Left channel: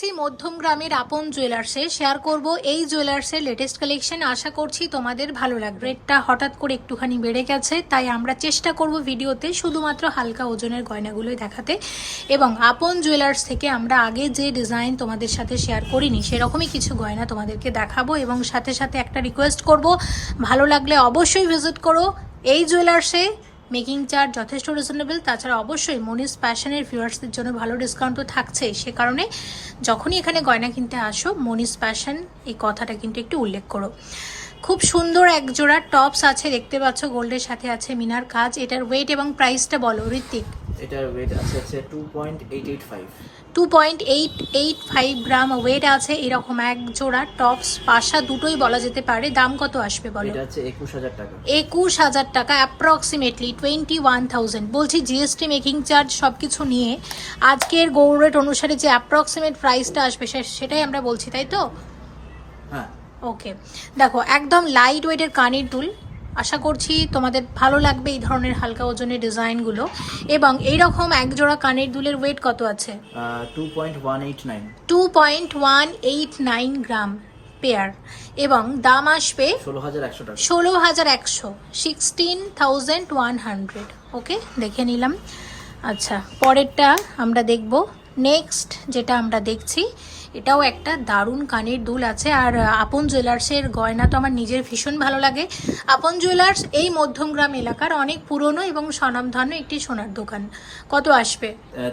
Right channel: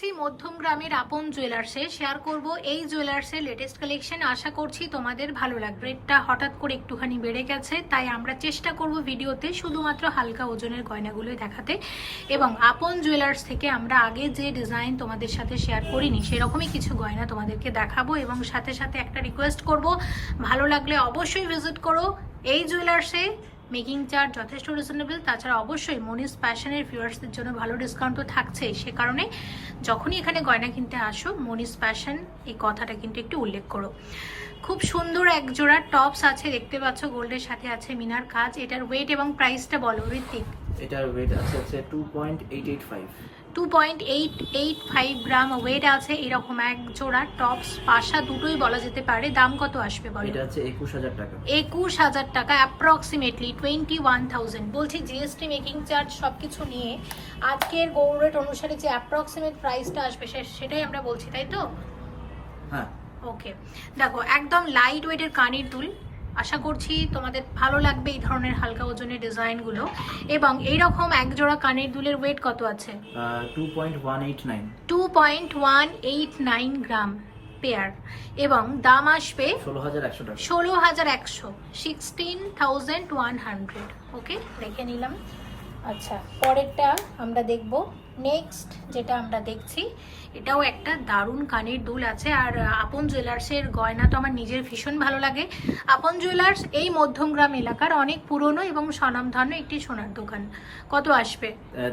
যাচ্ছি মধ্যম গ্রামের আপন জুয়েলার্সে, শেয়ার করব এই জুয়েলার্সের লেটেস্ট কালেকশন। আশা করছি তোমাদের ভালো লাগবে। রেটটা হঠাৎ করে একটুখানি বেড়ে গেছে, তাই আমরা চেষ্টা করব ভিডিওতে শুধুমাত্র হালকা ওজনের গয়নাগুলোই দেখাতে। এবং আপন জুয়েলার্স থেকে আমরা আগে যে ডিজাইন তোমাদের সাথে শেয়ার করিনি সেরকমই কিছু গয়না তোমাদেরকে দেখাবো। এবং সাথে সাথে একটা রিকোয়েস্ট করব, ভালো লাগলে অবশ্যই ভিজিট করো এই জুয়েলার্সে। মেকিং চার্জ যথেষ্ট রিজনেবল, তাছাড়া অবশ্যই মনিস প্যাশনের ভিউয়ার্সদের জন্য ভালো ডিসকাউন্টও থাকছে। সে কারণে যখনই এখানে গয়না কিনতে আসো মনিস প্যাশন এই কথাটা কিন্তু একটু উল্লেখ করো। খুব সুন্দর এক জোড়া টপস আছে, দেখতে পাচ্ছ গোল্ডের সাথে আছে মিনার কাজ। এটার ওয়েট এবং প্রাইসটা বলো ঋত্বিক। এটার ওয়েট আছে 2.885 2.885 গ্রাম ওয়েট আছে। এরকম এক জোড়া টপস পাশা দুটোই বলা যেতে পারে। দাম কত আসবে বলো? এটা আছে 21000 টাকা। 21000 টাকা, অ্যাপ্রক্সিমেটলি 21,000। বলছি জিএসটি মেকিং চার্জ সবকিছু নিয়ে আজকের গোল্ড রেট অনুসারে যে অ্যাপ্রক্সিমেট প্রাইসটা আসবে সেটাই আমরা বলছি, তাই তো? হ্যাঁ, ওকে, দেখো একদম লাইট ওয়েটের কানের দুল। আশা করছি তোমাদের ভালো লাগবে এই ধরনের হালকা ওজনের ডিজাইনগুলো। এবং এইরকম এক জোড়া কানের দুলের ওয়েট কত আছে? 2.189 2.189 গ্রাম পেয়ার। এবং দাম আসবে 16100 টাকা। 16100, 16,100। ওকে, দেখে নিলাম। আচ্ছা, পরেরটা আমরা দেখব। নেক্সট যেটা আমরা দেখছি এটাও একটা দারুণ কানের দুল আছে। আর আপন জুয়েলার্সের গয়না তো আমার নিজের ভীষণ ভালো লাগে। আপন জুয়েলার্স এই মধ্যমগ্রাম এলাকার অনেক পুরনো এবং স্বনামধন্য একটি সোনার দোকান। কত আসবে?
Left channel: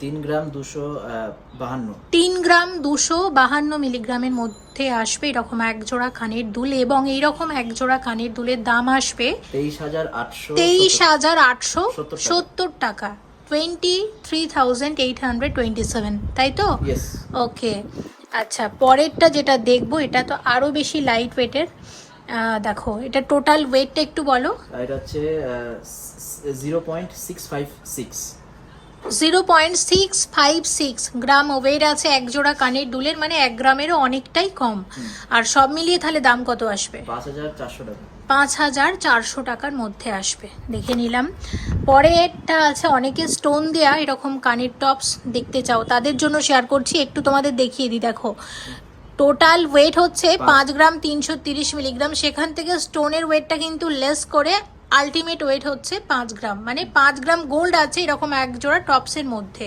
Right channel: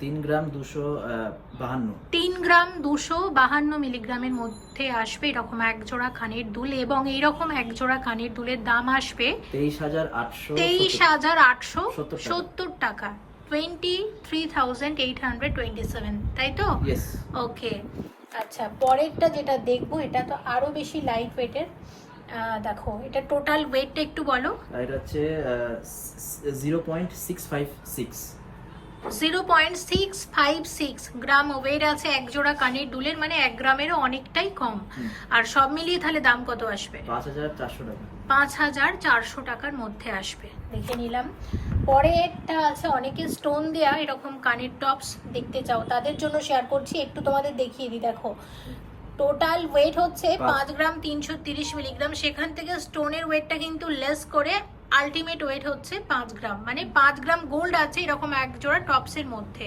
3 গ্রাম 252। 3 গ্রাম 252 মিলিগ্রামের মধ্যে আসবে এরকম এক জোড়া কানের দুল। এবং এইরকম এক জোড়া কানের দুলের দাম আসবে 23,870 টাকা, 23,827, তাই তো? ইয়েস। ওকে, আচ্ছা পরেরটা যেটা দেখবো এটা তো আরো বেশি লাইট ওয়েটের। দেখো এটা টোটাল ওয়েটটা একটু বলো। এটা হচ্ছে 0.656 0.656 গ্রাম ওয়েট আছে এক জোড়া কানের দুলের, মানে 1 গ্রামেরও অনেকটাই কম। আর সব মিলিয়ে তাহলে দাম কত আসবে? 5400 টাকা। 5400 টাকার মধ্যে আসবে, দেখে নিলাম। পরে এটা আছে অনেকে স্টোন দেয়া এরকম কানের টপস দেখতে চাও, তাদের জন্য শেয়ার করছি। একটু তোমাদের দেখিয়ে দিই। দেখো টোটাল ওয়েট হচ্ছে 5 গ্রাম 330 মিলিগ্রাম। সেখান থেকে স্টোনের ওয়েটটা কিন্তু লেস করে আলটিমেট ওয়েট হচ্ছে 5 গ্রাম, মানে 5 গ্রাম গোল্ড আছে এরকম এক জোড়া টপসের মধ্যে।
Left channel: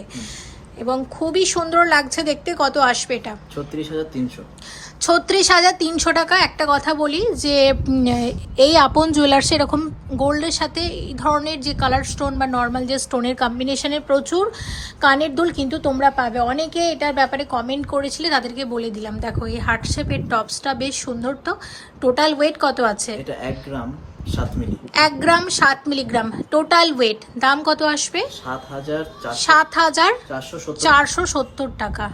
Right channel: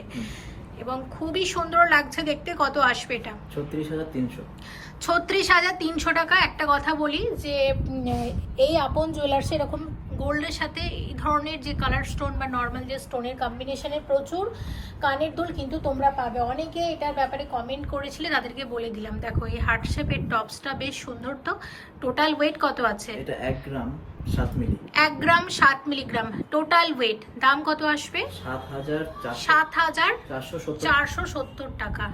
এবং খুবই সুন্দর লাগছে দেখতে। কত আসবে এটা? 36300। 36,300 টাকা। একটা কথা বলি যে এই আপন জুয়েলার্সে এরকম গোল্ডের সাথে এই ধরনের যে কালার স্টোন বা নর্মাল যে স্টোনের কম্বিনেশনে প্রচুর কানের দুল কিন্তু তোমরা পাবে। অনেকে এটার ব্যাপারে কমেন্ট করেছিলে, তাদেরকে বলে দিলাম। দেখো এই হার্ট শেপের টপসটা বেশ সুন্দর। তো টোটাল ওয়েট কত আছে? এটা 1 গ্রাম 7 মিলি। 1 গ্রাম 7 মিলিগ্রাম টোটাল ওয়েট। দাম কত আসবে? 7,470 টাকা।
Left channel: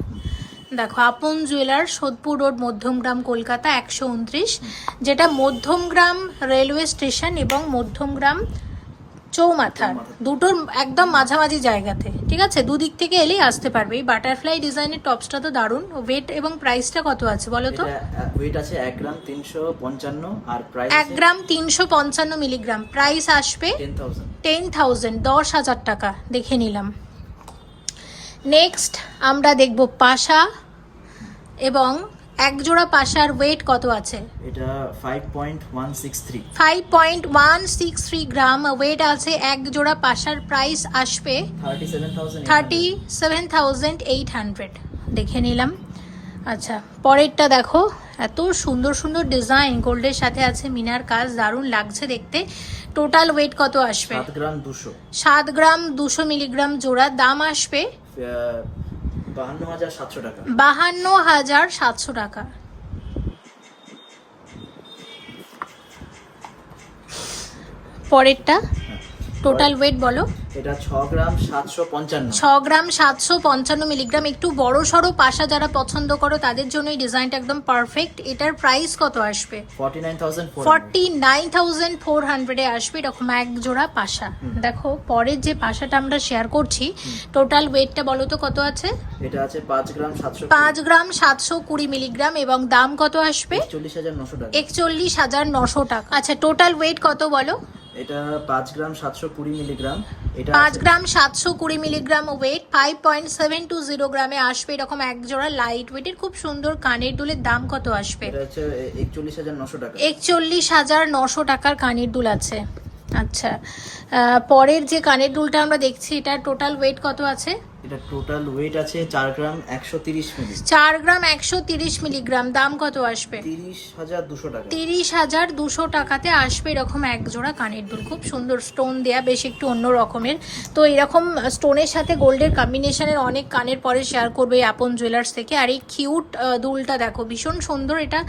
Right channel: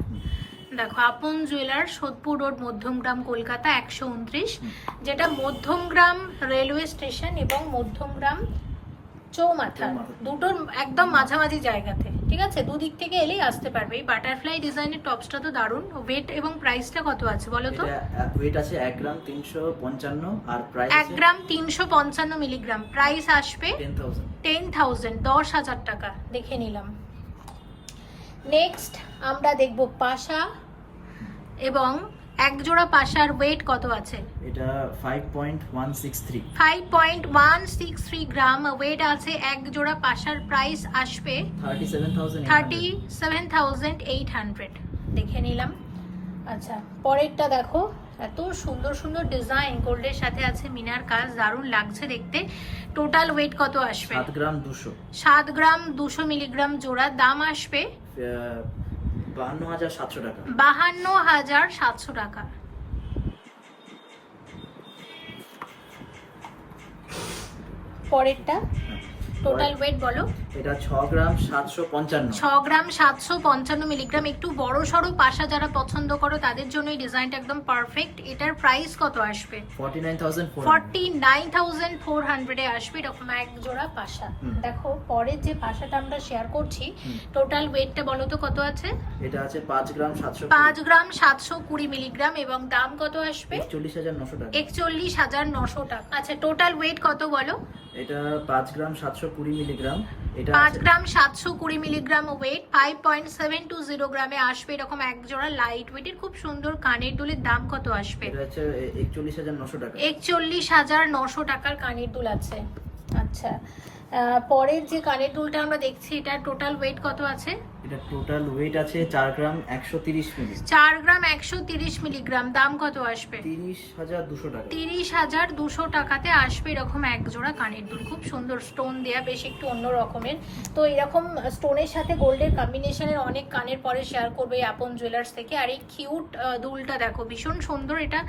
দেখো আপন জুয়েলার, সোদপুর রোড, মধ্যমগ্রাম, কলকাতা 129, যেটা মধ্যমগ্রাম রেলওয়ে স্টেশন এবং মধ্যমগ্রাম চৌমাথা দুটোর একদম মাঝামাঝি জায়গাতে। ঠিক আছে, দুদিক থেকে এলেই আসতে পারবে। এই বাটারফ্লাই ডিজাইনের টপসটা তো দারুণ। ওয়েট এবং প্রাইসটা কত আছে বলো তো? ওয়েট আছে 1 গ্রাম 355 আর প্রাইস 1 গ্রাম 355 মিলিগ্রাম। প্রাইস আসবে 10,000, 10,000 টাকা। দেখে নিলাম। নেক্সট আমরা দেখব পাশা। এবং এক জোড়া পাশার ওয়েট কত আছে? এটা 5.163 5.163 গ্রাম ওয়েট আছে এক জোড়া পাশার। প্রাইস আসবে 37,800। দেখে নিলাম। আচ্ছা পরেরটা দেখো, এত সুন্দর সুন্দর ডিজাইন, গোল্ডের সাথে আছে মিনার কাজ, দারুণ লাগছে দেখতে। টোটাল ওয়েট কত আসবে? 7 গ্রাম 200। 7 গ্রাম 200 মিলিগ্রাম জোড়া। দাম আসবে 52,700 টাকা। 52,700 টাকা। পরেরটা টোটাল ওয়েট বলো। এটা 6 গ্রাম 755। 6 গ্রাম 755 মিলিগ্রাম। একটু বড় সড়ো পাশা যারা পছন্দ করো তাদের জন্য এই ডিজাইনটা একদম পারফেক্ট। এটার প্রাইস কত আসবে? 49,400 আসবে এরকম এক জোড়া পাশা। দেখো পরের যে পাশাটা আমরা শেয়ার করছি টোটাল ওয়েটটা বলো তো কত আছে? এটা আছে 5 গ্রাম 700। 5 গ্রাম 720 মিলিগ্রাম। এবং দাম কত আসবে? 41,900 টাকা। 41,900 টাকা। আচ্ছা টোটাল ওয়েট কত বলো? এটা 5 গ্রাম 720 মিলিগ্রাম। এটা 5 গ্রাম 720 মিলিগ্রাম ওয়েট, 5.720 গ্রামে আসবে এরকম এক জোড়া লাইট ওয়েটের খুব সুন্দর কানের দুলের দাম কত আসবে? এটা হচ্ছে 41,900 টাকা। 41,900 টাকার কানের দুল আছে। আচ্ছা, পরের যে কানের দুলটা আমরা দেখছি এটার টোটাল ওয়েট কত আছে? এটা টোটাল ওয়েট আছে 4 গ্রাম 130 মিলি। 4 গ্রাম 130 মিলিগ্রাম, দাম কত আসবে? 30,200 টাকা। 30,200 টাকাতে আসবে এরকম এক জোড়া কানের দুল, খুব সুন্দর স্টোন দেয়া, বেশ একটু অন্য রকমের। তো এরকম স্টোনের সাথে গোল্ডের কম্বিনেশনের অনেক কানের পরে শেয়ার করবে এই আপন জুয়েলার্স থেকে। আর এই কিউট দুলটা দেখো, ভীষণ সুন্দর। এটা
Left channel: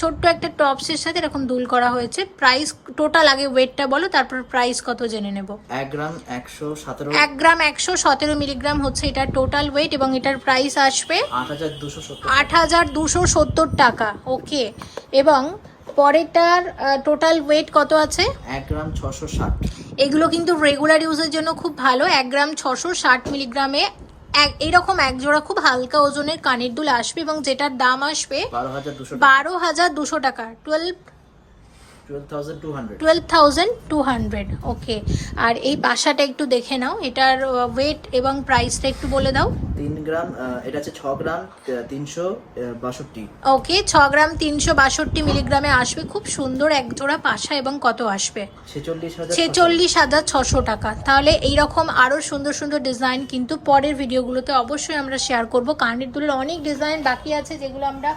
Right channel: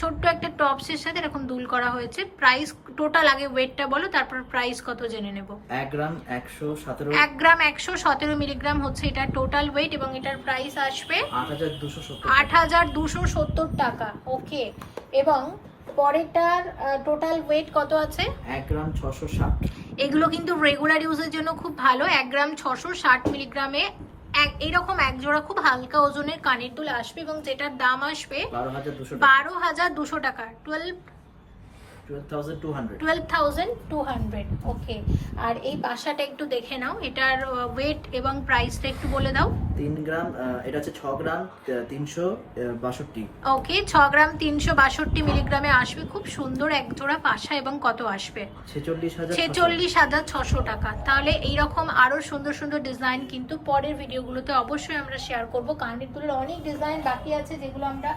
ছোট্ট একটা টপসের সাথে এরকম দুল করা হয়েছে। প্রাইস টোটাল আগে ওয়েটটা বলো, তারপর প্রাইস কত জেনে নেব। 1 গ্রাম 117। 1 গ্রাম 117 মিলিগ্রাম হচ্ছে এটা টোটাল ওয়েট এবং এটার প্রাইস আসবে 8,270। 8,270 টাকা। ওকে, এবং পরেরটার টোটাল ওয়েট কত আছে? 1 গ্রাম 660। এগুলো কিন্তু রেগুলার ইউজের জন্য খুব ভালো। 1 গ্রাম 660 মিলিগ্রামে এইরকম এক জোড়া খুব হালকা ওজনের কানের দুল আসবে এবং যেটার দাম আসবে 12,200 টাকা। 12,200। ওকে, আর এই পাশাটা একটু দেখে নাও, এটার ওয়েট এবং প্রাইসটা একটু বলে দাও। 3 গ্রাম, এটা হচ্ছে 6 গ্রাম 362। ওকে, 6 গ্রাম 362 মিলিগ্রামে আসবে খুব সুন্দর এক জোড়া পাশা এবং কত আসবে? 46,600 টাকা। তাহলে এইরকম আরও সুন্দর সুন্দর ডিজাইন কিন্তু পরের ভিডিওগুলোতে অবশ্যই আমরা শেয়ার করব। কানের দুলের অনেক ডিজাইন বাকি আছে যেগুলো আমরা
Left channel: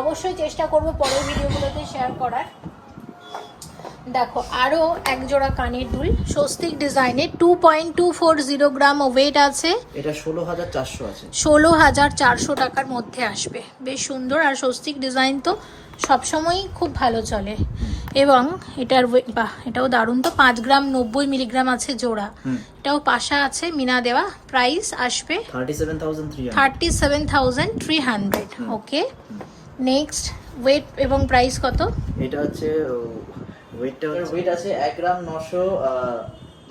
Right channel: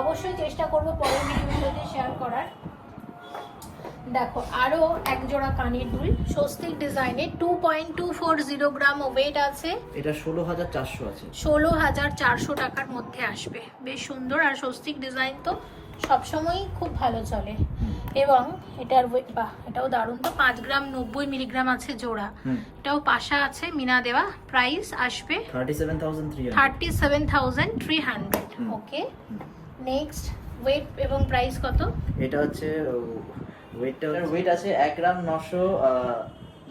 অবশ্যই চেষ্টা করব পরের ভিডিওগুলোতে শেয়ার করার। দেখো আরো এক জোড়া কানের দুল স্বস্তিক ডিজাইনের, 2.240 গ্রাম ওয়েট আছে। এটা 16,400 আছে। 16,400 টাকার মধ্যে আসবে, বেশ সুন্দর। আর স্বস্তিক ডিজাইন তো সবসময়ই খুব ভালো চলে। এবং এটার বাহ, এটাও দারুণ। তো 5 গ্রাম 90 মিলিগ্রাম আছে জোড়া। এটাও পাশা আছে মিনা দেওয়া। প্রাইস আসবে 37,300। ওকে, নেক্সট ওয়েট এবং প্রাইস কত? এটা হচ্ছে ওয়েট আছে 1 গ্রাম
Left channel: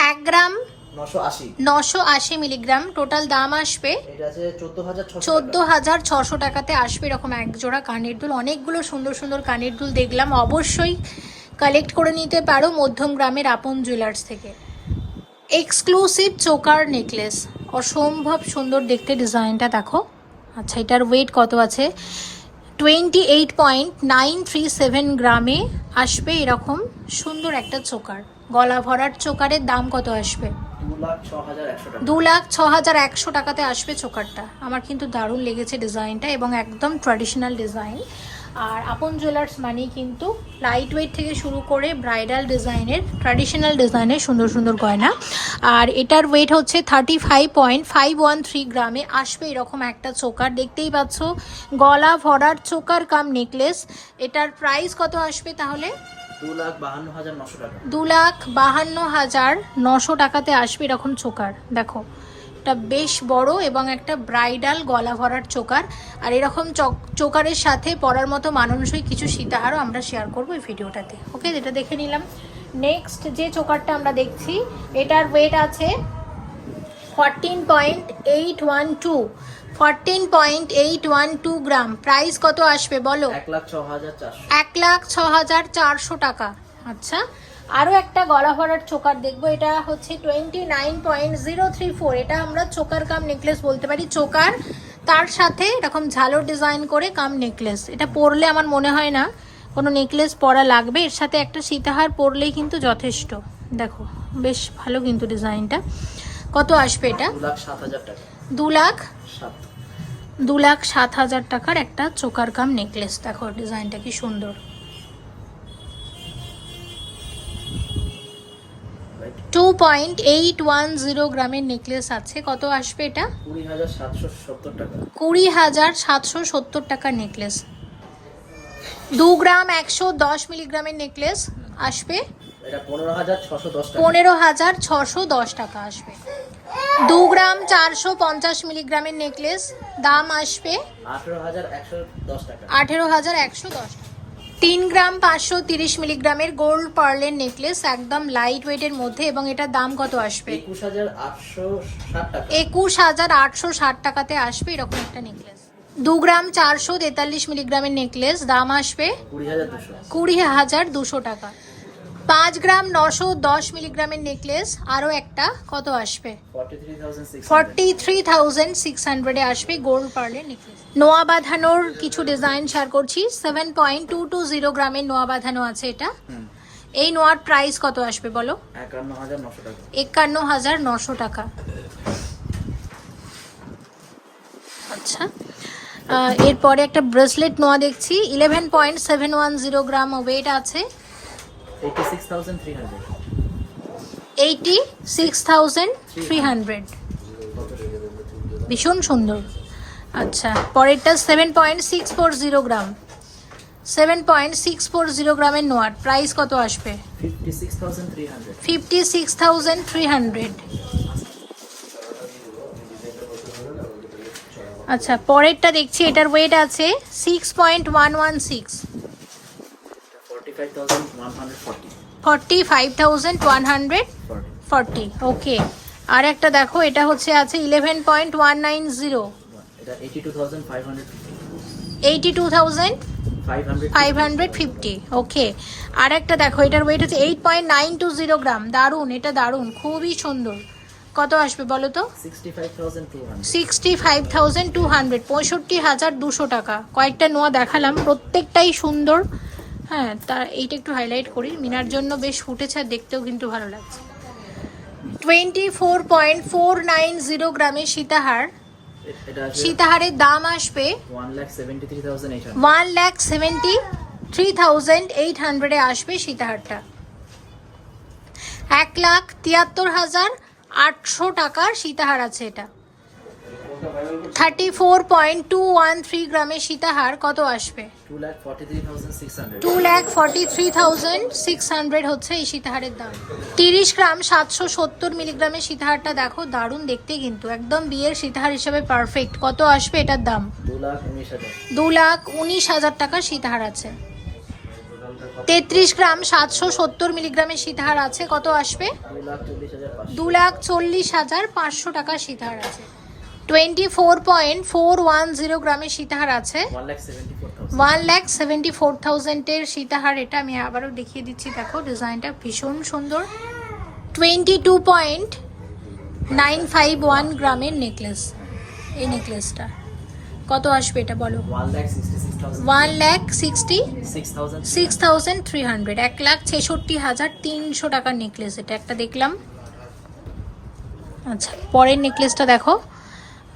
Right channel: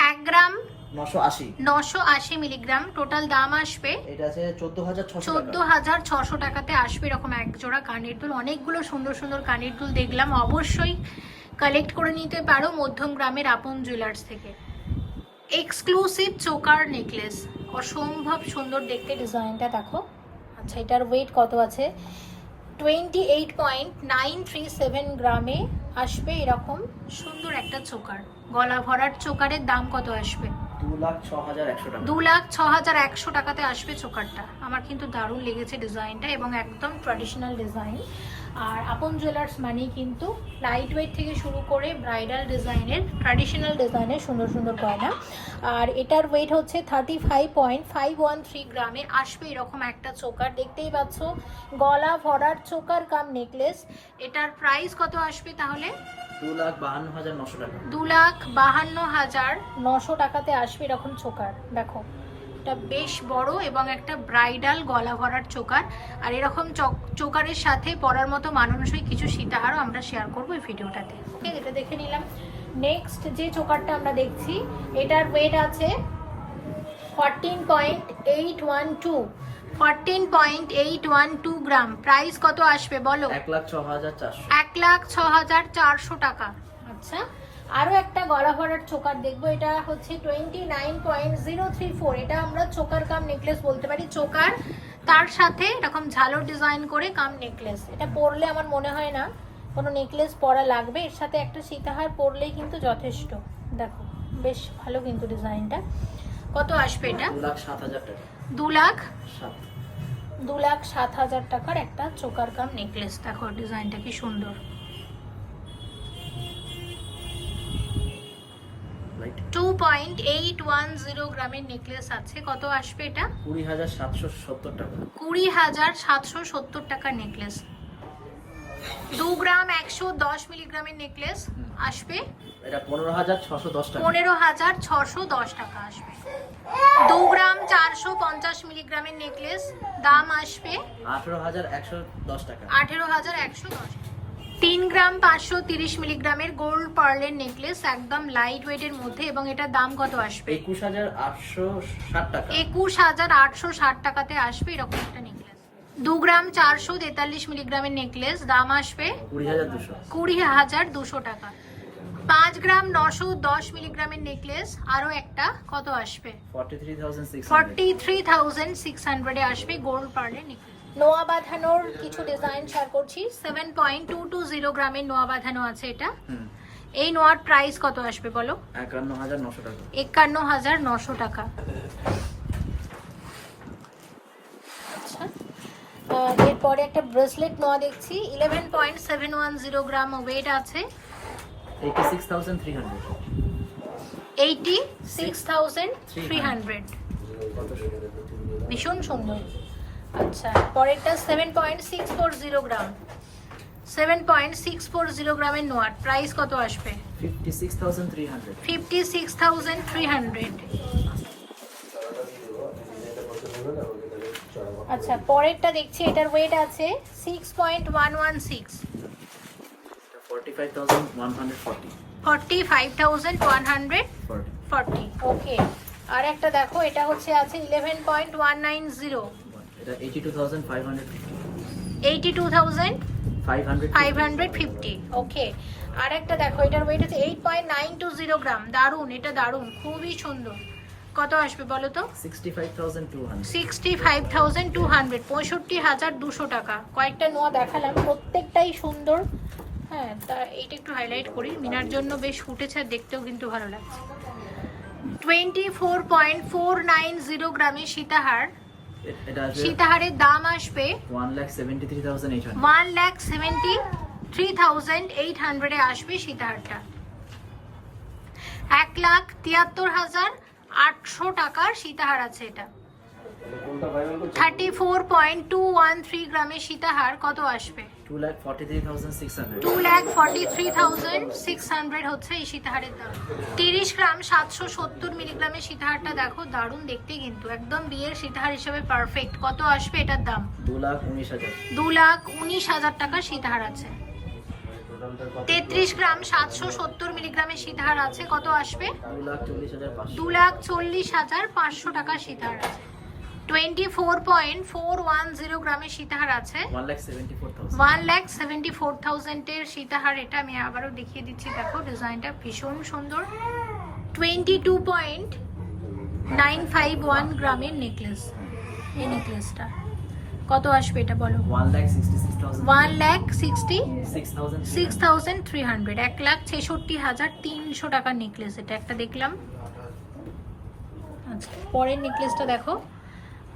1 গ্রাম 980। 980 মিলিগ্রাম। টোটাল দাম আসবে এটা আছে 14,600। 14,600 টাকাতে আসবে এরকম এক জোড়া কানের দুল। অনেকগুলো সুন্দর সুন্দর কানের দুল দেখলাম, অবশ্যই কালেক্ট করে নিতে পারো মধ্যম গ্রামের আপন জুয়েলার্স থেকে। এক্সক্লুসিভ চোকার নেকলেস, অসম্ভব সুন্দর দেখতে ডিজাইনটা দেখো। আচ্ছা, এটার ওয়েট কত আছে? 28.937 গ্রামে আসবে এরকম সুন্দর একটা চোকার, গলা ভরার চোকারের দাম কত আসবে? 2,06,100 টাকা। 2,06,100 টাকাতে আসবে চোকারটা। আমার কিন্তু দারুণ লেগেছে ডিজাইনটা এবং একদম ট্র্যাডিশনাল ডিজাইন। আর আপন জুয়েলার্স মানেই কিন্তু লাইট ওয়েট থেকে শুরু করে ব্রাইডাল ডিজাইনের, ট্র্যাডিশনাল ডিজাইনের সুন্দর সুন্দর গয়না। আর এটার ওয়েট হচ্ছে 35.513 গ্রামে আসবে এরকম একটা চোকার। দেখতেই পাচ্ছ গলা ভরার চোকার কাম নেকলেস। এটার প্রাইস কত আসবে তাহলে? 2,52,900 টাকা। 2,52,900 টাকাতে আসবে এরকম চোকার। দেখো এটা বেশ বড় এবং একটা ব্রাইডাল গলা ভরার চোকার। আর এরকম চোকারের সাথে পরার মতো মানানসই কিছু সীতাহারও আমরা শেয়ার করবো এই ভিডিওটাতে। ওকে, যেটা দেখে নিলাম। নেক্সট যে চোকারটা আমরা দেখছি এটার ওয়েট আছে 14.812 গ্রাম। প্রাইস কত আসবে বলো? 1,06,400। 1,06,400 টাকা। আচ্ছা, আরও একটা গলা ভরার চোকার দেখবো। এটা হচ্ছে 29.034। এটা আমরা চোকার কাম নেকলেস বলতে পারি। চোকার তার সাথে এরকম ঝালোর ডিজাইন করে কাম নেকলেস। এটা পরলে আমার মনে হয় না কোনো নেকলেস পরা লাগবে, এর সাথে একটা সীতাহার পরলেই কিন্তু যথেষ্ট। দেখো বেশ ভালো কিন্তু ডিজাইনটা। কত আসবে এটা? 2,07,000 টাকা। 2,07,000 টাকার একটা চোকার কাম নেকলেস। দেখো ডিজাইনটা কি সুন্দর। 2.810 গ্রামের নেকলেস আছে। কত আসবে এটা? 20,770 টাকা। 20,770 টাকার নেকলেস। 2 গ্রাম 110 মিলিগ্রামের নেকলেস আসবে এটা 15,610 টাকা। 15,610 টাকা আসবে। 2 গ্রাম 450 মিলিগ্রামের নেকলেস, দাম আসবে 18,110 টাকা। 18,110 টাকা। 3 গ্রাম 530 মিলিগ্রামের গোল্ড পার্লের নেকলেস, একদম লাইট ওয়েটের মধ্যে, এবং এটার দাম কত আসবে? 21,860 টাকা। 21,860 টাকাতে আসবে এরকম একটা নেকলেস। 2 গ্রাম 443 মিলিগ্রামের নেকলেস, দাম আসবে 20,200। 20,200 টাকা। 5 গ্রাম 910 মিলিগ্রামের নেকলেস, আরও একটা কত আসবে? 43,600 43,600 আসবে গোল্ড পার্লের নেকলেস। নোয়া বাঁধানোর কিছু ডিজাইন শেয়ার করছি। 7.220 গ্রামের নোয়া বাঁধানো আছে এটা। এই নোয়ার প্রাইস কত আসবে বলো? 51,900 টাকা। 51,900 টাকা। আচ্ছা, এরপরে একটা ব্রেসলেট নোয়া দেখছি। 11.710 গ্রাম ওয়েট আছে। 86,300। 86,300, ভীষণ সুন্দর। আচ্ছা, পরেরটা 7.640 গ্রাম। 7.640 গ্রামের নোয়ার প্রাইস কত আসবে? 56,300। 56,300। আচ্ছা, পরেরটা দেখছি, এটার ওয়েট আছে 6.116। 45,140। 45,140। ওকে, আর একটা দেখো, এটা হচ্ছে আছে 11.190। এটা 82,550। 82,550। ওকে, আর একটা দেখো, এটার ওয়েট আছে 8.920 গ্রাম। দারুণ, এটা দারুণ, খুবই সুন্দর। কত আসবে বলো তো? 65,200। 65,200, 65,200 টাকা। কয়েকটা নোয়া দেখালাম, প্রত্যেকটাই সুন্দর। হ্যাঁ, তার এইটা একটু হাইলাইট করি, মিনার জন্য বেশ ফুটেছে, আর দেখতেও কিন্তু ভালো লাগছে। 24.490 গ্রামের সীতাহার। এটা আছে সীতাহারের দাম আসবে 1,73,800। 1,73,800 আসবে সীতাহারটা। 1,73,800 টাকার সীতাহার আছে এটা। 34.213 গ্রামের সীতাহার কত আসবে? 2,43,600। 2,43,600 হচ্ছে এই সীতাহারের দাম। 30 গ্রাম 770 মিলিগ্রামের সীতাহারটা দেখো, দারুণ দেখতে, কিন্তু একদম বিয়ের সীতাহার হিসেবে পারফেক্ট। কত আসবে এটার দাম? 2,19,000। 2,19,000 টাকার সীতাহার আছে। 33 গ্রাম 770 মিলিগ্রামের সীতাহার আছে, কত আসবে? 2,40,500। 2,40,500 টাকার সীতাহার আছে। 24.410 গ্রামের সীতাহার আছে। 1,74,000। 1,74,000 এর সীতাহার এটা। আমি আবারও দেখিয়ে দিচ্ছি, দেখো ডিজাইনটা ভীষণ সুন্দর। 22.951 গ্রামের নেকলেস। এই নেকলেসটা কত আসবে এটা বলো? 1,66,000। 1,66,300, 1,66,300 টাকার নেকলেস এটা। একটা দেখলাম। আচ্ছা, পরের নেকলেসটা দেখো,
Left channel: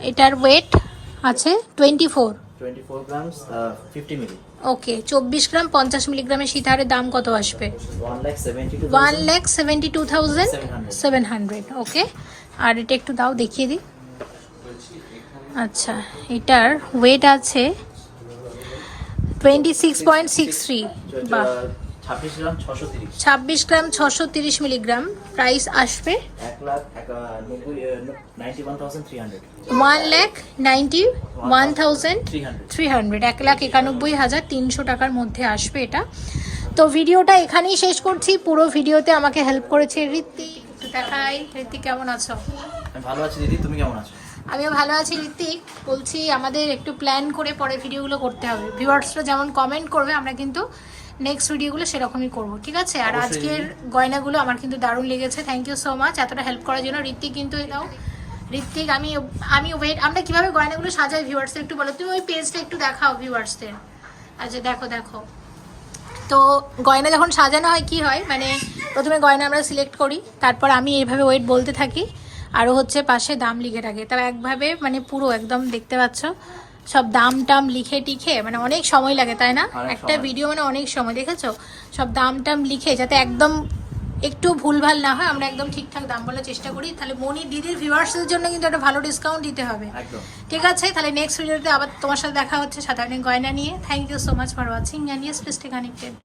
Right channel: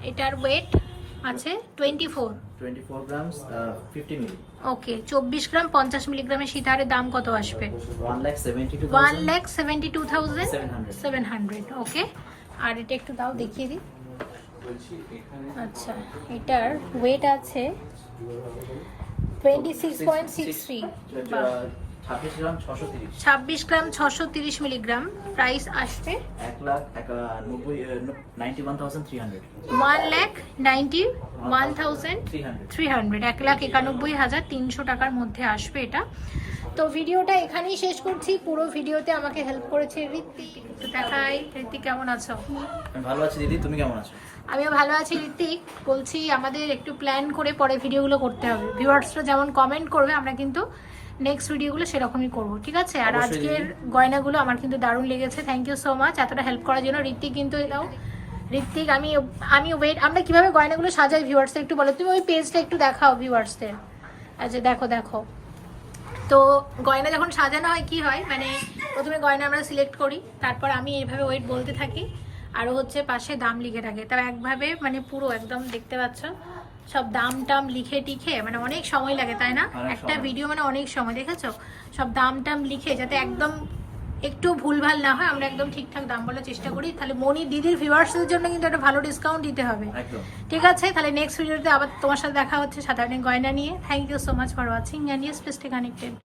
এটার ওয়েট আছে 24 গ্রাম 50 মিলি। ওকে, 24 গ্রাম 50 মিলিগ্রামের সীতাহারের দাম কত আসবে? 1,72,700। ওকে, আর এটা একটু দাও, দেখিয়ে দিই। আচ্ছা, এটার ওয়েট আছে 26.63। 26 গ্রাম 630 মিলিগ্রাম। প্রাইস আসবে 1,91,300। 1,91,300, 1,91,300 টাকার মধ্যে আসবে এটা। তো ভিডিওটা এখানেই শেষ করছি। পুরো ভিডিওতে আমাকে হেল্প করেছে ঋত্বিক। একটু দেখাই, ঋত্বিক কেমন আছো? ভালো আছি দিদি, তুমি কেমন আছো? আমিও ভালো আছি ঋত্বিক। বলছি, আমাদের একটু প্ল্যান করে পরে ভিডিওগুলো করতে হবে। ভিউয়ার্সরা যেমন কমেন্ট করবে, আমরা কিন্তু নেক্সট ভিডিওগুলো সেরকমই করব, ঠিক আছে? আর আজকের গয়নাগুলো আমার কিন্তু দারুণ লেগেছে। থ্যাংক ইউ সো মাচ এতটা হেল্প করার জন্য ঋত্বিক। কিন্তু এটাও ঋত্বিক, আমি ওয়েট, আমরা কিভাবে গয়নাগুলো সাজাই ভিউয়ার্সদের একটু বলো। তুমি ওই পেজটা একটু দেখাও ভিউয়ার্সদের। আচ্ছা, দেখো। তো গয়না যখন সাজানো হয় কি হয়, মানে প্রথমে গয়না আমরা সিলেক্ট করি, তারপর আমি এইভাবে ওয়েট বলতে থাকি, আরও হচ্ছে পাশে দাম লিখে রাখি। তার একভাবে মানে পুরো একদম দেখতে পাচ্ছ, সব দাম টাম লিখে টিখে, মানে অনেক সময় লাগে, তাই না? একটা ভিডিও মানে অনেক সময়, দেখেছো? সব দাম টাম লিখে, যাতে একদম একটু ভুলভাল না হয়, আমরা একদম ঠিকঠাক দাম বলার চেষ্টা করি। তাহলে মনি দিদির ভিউয়ার্সদের জন্য কিন্তু একটা ভালো ডিসকাউন্ট দিতে হবে, ঠিক আছে? তাহলে নেক্সট ভিডিওতে আবার তোমার সাথে দেখা হচ্ছে সাধারণ গয়না নিয়ে। Thank you so much for watching, and yes, please stay connected.